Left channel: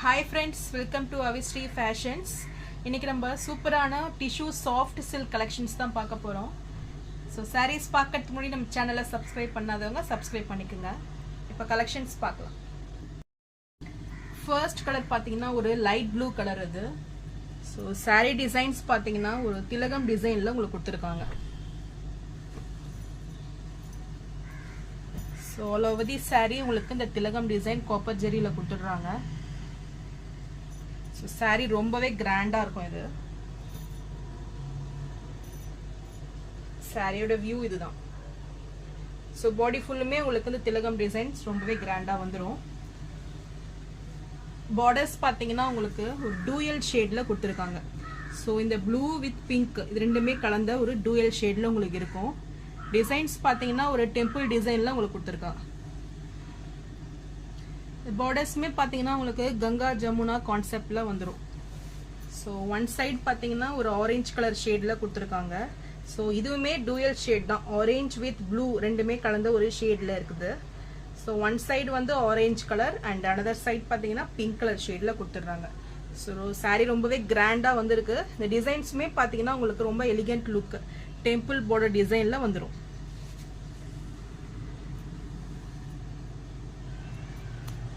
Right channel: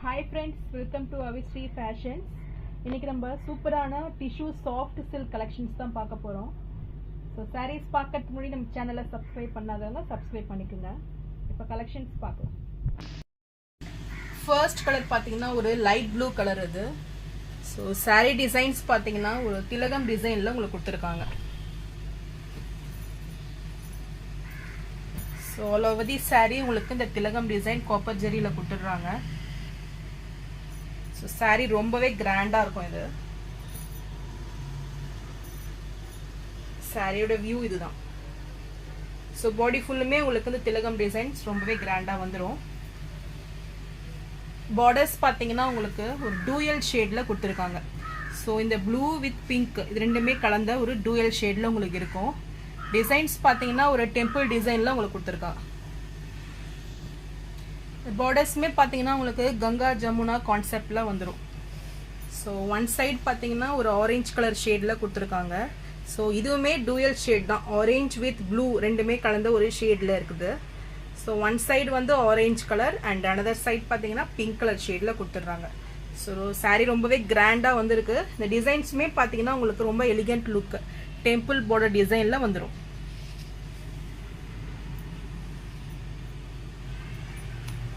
Hi friends, welcome to Avistri Fashions. இன்னைக்கு நம்ம சூப்பரான டிஷ்யூ சாஃப்ட் சில்க் கலெக்ஷன்ஸ் தான் பார்க்க போறோம். ஸோ sarees பார்க்கறதுக்கு முன்னாடி நம்ம சேனலை சப்ஸ்கிரைப் பண்ணாதவங்க சப்ஸ்கிரைப் பண்ணிக்கோங்க. இப்போ கலெக்ஷன்ஸ் பார்க்கலாம். ஃபர்ஸ்ட் கலர் பார்த்தீங்கன்னா ஒரு லைட் ப்ளூ கலர் இது. ஸோ saree டிசைன்ஸ் பார்த்தீங்கன்னா ஒரு திலகம் டிசைனில் உங்களுக்கு கொடுத்துருக்காங்க. So all over the saree உங்களுக்கு இந்த திலகம் டிசைன் காப்பர் ஜெரியில் கொடுத்துடுறாங்க. ஸோ saree ரொம்பவே கிராண்டாக இருக்கும். இது சாரியோட வியூ இதுதான். ஸோ பாடி ஃபுல்லுமே உங்களுக்கு இந்த திலகம் டிசைன்ஸ் ரொம்பவே கிராண்டாக வந்துடும். பார்டர்ஸ் பார்த்தீங்கன்னா உங்களுக்கு ஒரு டூயல் ஷேடில் கொடுத்துருக்காங்க. ஸோ இந்த ப்ளூ வித் பிங்க் இது ரெண்டுமே கலந்த ஒரு டூயல் ஷேடில் உங்களுக்கு இருக்கும். டிசைன்ஸ் பார்த்தீங்கன்னா ஒரு டெம்பிள் டிசைனில் உங்களுக்கு கொடுத்துருக்காங்க. பார்டர்ஸுமே பார்த்தீங்கன்னா உங்களுக்கு கங்கா ஜமுனா கான்செப்டில் வந்துடும். ஸோ ஒன் சைட் பார்த்தீங்கன்னா ஒரு ஆரஞ்சு கலர் ஷேடில் கொடுத்துருக்காங்க. ஸோ இதுவுமே டூயல் ஷேட் தான், ஆரஞ்ச் வித் ப்ளூ ரெண்டுமே கலந்த ஒரு ஷேடில் இருக்குது. ஸோ ஒன் சைடு வந்து orange colour and another side பார்த்தீங்கன்னா பிங்க் கலர் ஷேடில் கொடுத்துட்றாங்க. ஸோ சாரீ ரொம்பவே கிராண்டாக வந்துருக்கு. இந்த டிசைன்ஸுமே பார்த்தீங்கன்னா உங்களுக்கு ரொம்ப எலிகண்ட் லுக் டெம்பிள் பார்டர் டிசைனில் வந்துடும்.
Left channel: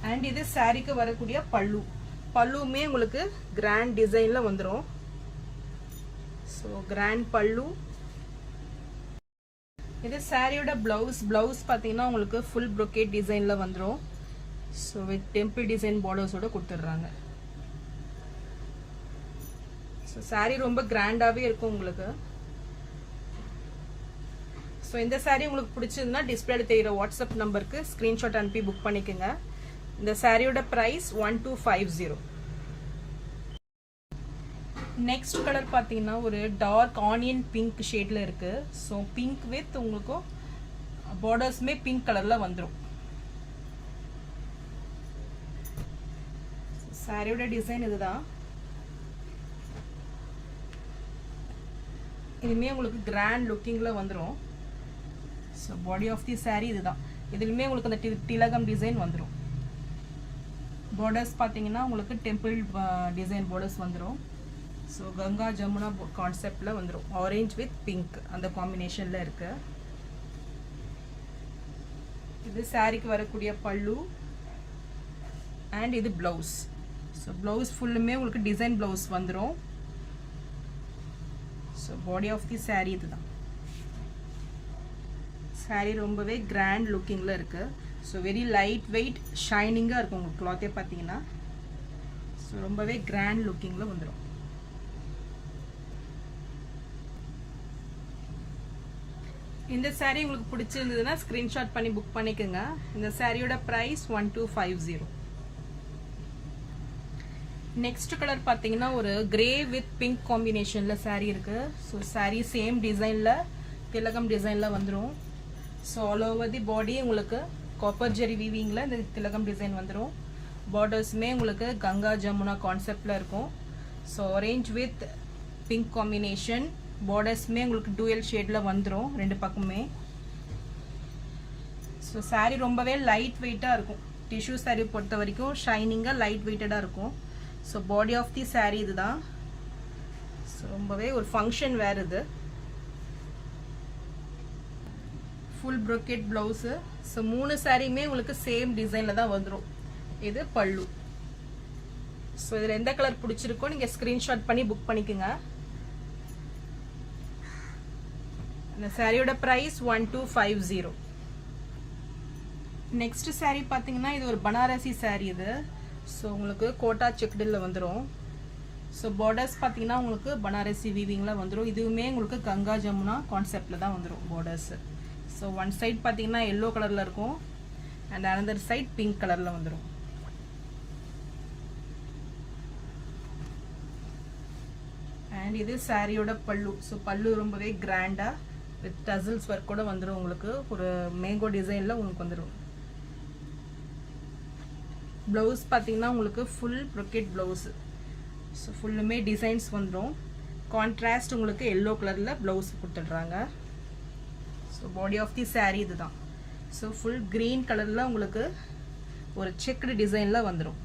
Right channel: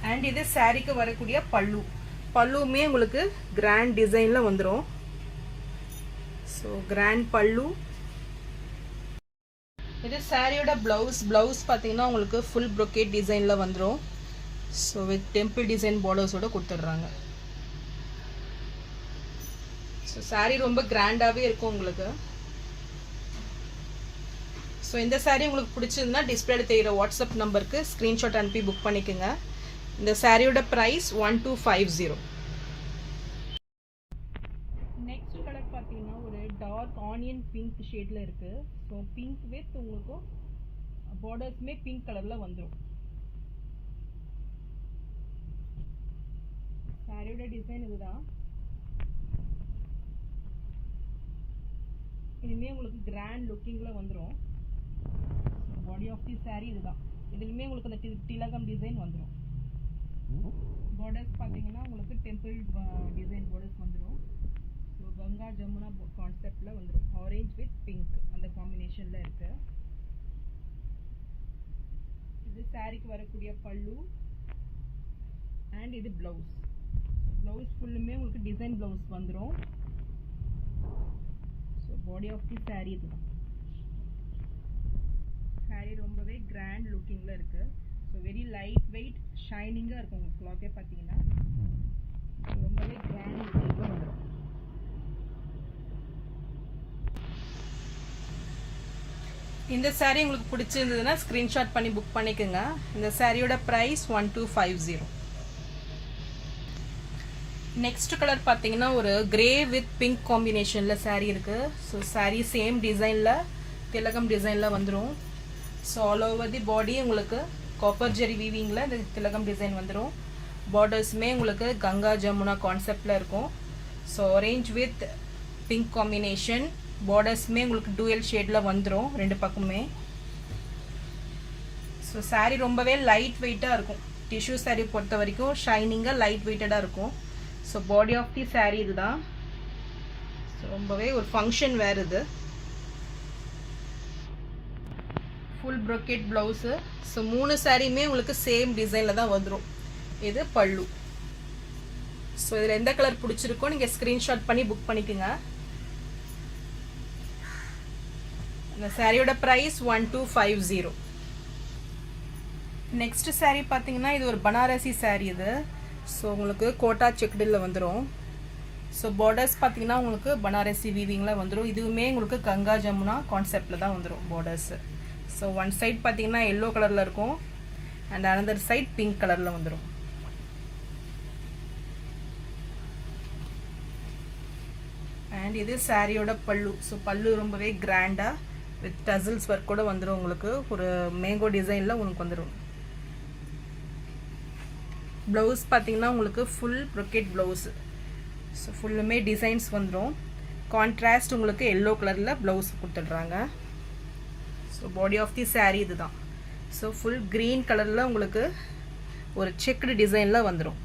அண்ட் இது சாரிக்கு வரக்கூடிய பல்லு, பல்லுமே உங்களுக்கு கிராண்ட் டிசைன்ல வந்துடும். ஸோ கிராண்ட் பல்லு. இது சாரியோட பிளவுஸ், பிளவுஸ் பார்த்தீங்கன்னா உங்களுக்கு ஃபுல் ப்ரொக்கேட் டிசைன்ல வந்துடும். ஸோ வித் டெம்பிள் டிசைன் பார்டர்ஸோட கொடுத்துட்றாங்க. ஸோ சாரி ரொம்ப கிராண்டாகவே இருக்கும் உங்களுக்கு. ஸோ இந்த சாரி உங்களுக்கு பிடிச்சிருந்தா டிஸ்பிளேல தெரியுற வாட்ஸ்அப் நம்பருக்கு ஸ்க்ரீன்ஷாட் அனுப்பி புக் பண்ணிக்கோங்க. இந்த சாரியோட பிரைஸ் 1250. நெக்ஸ்ட் கலர் பார்த்தீங்கன்னா ஒரு டார்க் ஆனியன் பிங்க் ஷேட்ல இருக்கு. ஸோ பிங்க் வித் உங்களுக்கு பார்டர்ஸ்மே பிங்க் கலர்ல வந்துடும். சாரியோட டிசைன் இதுதான். இதுமே உங்களுக்கு கிராண்ட் லுக்கிங்ல வந்துடும். So body of the sari இதுதான். இதுலயுமே உங்களுக்கு அந்த திலகம் டிசைன் வந்துடும். பார்டர்ஸ் பார்த்தீங்கன்னா உங்களுக்கு டெம்பிள் டிசைன் பார்டர்ஸ் வந்துடும். ஸோ கங்கா ஜமுனா கான்செப்டில் வந்துடும். ஆரஞ்ச் வித் பிங்க் அந்த காம்பினேஷனில் இருக்கு. இது சாரிக்கு வரக்கூடிய பல்லு அண்ட் இது பிளவுஸ். ஸோ பிளவுஸ் ஃபுல்லுமே உங்களுக்கு டிசைன் பிளவுஸ் வந்துடும். So body of the sari இதுதான். சாரி ரொம்பவே கிராண்ட் லுக்கிங்கில் இருக்குது. ஸோ வெரி லைட் வெயிட் ஷைனிங்காக இருக்கும் உங்களுக்கு கிளாத்தே பார்த்தீங்கன்னா. ஸோ ரொம்பவே கிராண்ட் லுக்கிங்கில் வந்துடும். இந்த சாரீ உங்களுக்கு பிடிச்சிருந்ததுன்னா ஸ்க்ரீன்ஷாட் பண்ணி புக் பண்ணிக்கோங்க. இந்த சாரியோட ப்ரைஸ் 1250. நெக்ஸ்ட் கலர் பார்த்தீங்கன்னா ஒரு கிரே வித் பிங்க் காம்பினேஷனில் சாரீ இருக்குது. ஸோ சாரீ சேம் டிசைனில் திலகம் டிசைனில் வந்துடும். ஸோ ஆல் ஓவர் தி பாடி உங்களுக்கு காப்பர் ஜெரி வீவிங்கில் இந்த திலகம் டிசைன் வந்துடும். பார்டர்ஸுமே உங்களுக்கு கங்கா ஜமுனா கான்செப்டில் இருக்கும். So orange with pink combination. பார்டர்ஸுமே உங்களுக்கு டூயல் ஷேடில் வந்துடும் ரெண்டு பக்கமே. ஸோ சாரீ ரொம்பவே லைட் வெயிட்டாக இருக்கும். டிஷ்யூ சாரீ பொறுத்த வரைக்கும் ஷைனிங்காக லைட் வெயிட்டடாக இருக்கும். So body of the sari இதுதான். ஸோ ரொம்பவே ஒரு ஃபங்க்ஷன் வேர் இது. Full brocade blouse. ஸோ மூணு சாரியுமே உங்களுக்கு சேம் டிசைனில் தான் வந்துடும். இது பல்லு. ஸோ இதில் எந்த கலர் பிடிச்சிருக்கோ நீங்கள் ஸ்க்ரீன்ஷாட் பண்ணி புக் பண்ணிக்கோங்க. இந்த சாரியோட ப்ரைஸ் 1250. நெக்ஸ்ட் சாரீ பார்த்தீங்கன்னா இது ஒரு பனாரசி சாரீ இது. ஸோ உங்களுக்கு கோட்டா செக்குடில் வந்துடும். ஸோ பார்டர்ஸ் பார்த்தீங்கன்னா உங்களுக்கு பனாரசி வீவிங்கில் வந்துடும். இதுவுமே உங்களுக்கு கங்கா ஜமுனா கான்செப்டில் தான் வந்துடும் பார்டர்ஸு. ஸோ ஒன் சைட் பார்த்தீங்கன்னா எல்லோ கலரில் இருக்கும் அண்ட் அனதர் சைட் பிங்க் கலரில் வந்துடும். அண்ட் இது சாரியோட பல்லு. ஸோ பல்லு ரொம்பவே கிராண்டாக வித் டசில்ஸ் ஒர்க் கூட வந்துடும். உங்களுக்கு ஒரு மேங்கோ டிசைனில் உங்களுக்கு வந்துடும். ப்ளவுஸ் பார்த்தீங்கன்னா உங்களுக்கு ஃபுல் ப்ரொக்கேட் ப்ளவுஸு. ஸோ ஃபுல்லுமே டிசைன்ஸ் வந்துடும். கான்ட்ராஸ்ட் உங்களுக்கு எல்லோ கலரில் ப்ளவுஸ் கொடுத்துட்றாங்க. So body of the sari இதுதான். ஸோ ஃபுல் க்ரீன் கலரில் உங்களுக்கு ஒரு செக்குடு டிசைனில் வந்துடும்.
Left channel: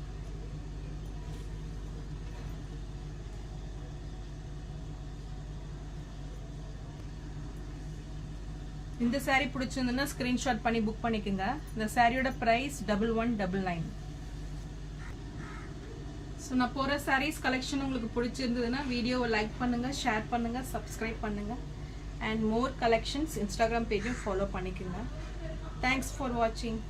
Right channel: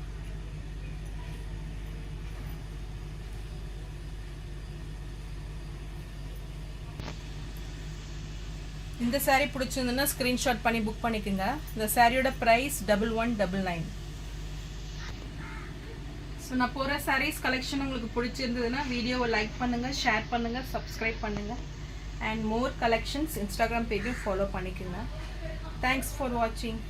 இந்த saree பிடிச்சிருந்ததுன்னா ஸ்கிரீன்ஷாட் பண்ணி புக் பண்ணிக்கோங்க. இந்த சாரியோட ப்ரைஸ் 1199. ஸோ நான் போகிற sarees கலெக்ஷன் உங்களுக்கு பிடிச்சிருந்ததுன்னா வீடியோவை லைக் பண்ணுங்கள், ஷேர் பண்ணுங்கள், சப்ஸ்கிரைப் பண்ணுங்கள். அண்ட் மோர் கலெக்ஷன்ஸ் இன்ஸ்டாகிராம் பேஜையும் ஃபாலோ பண்ணிக்கோங்க. தேங்க்ஸ் ஃபார் வாட்சிங்.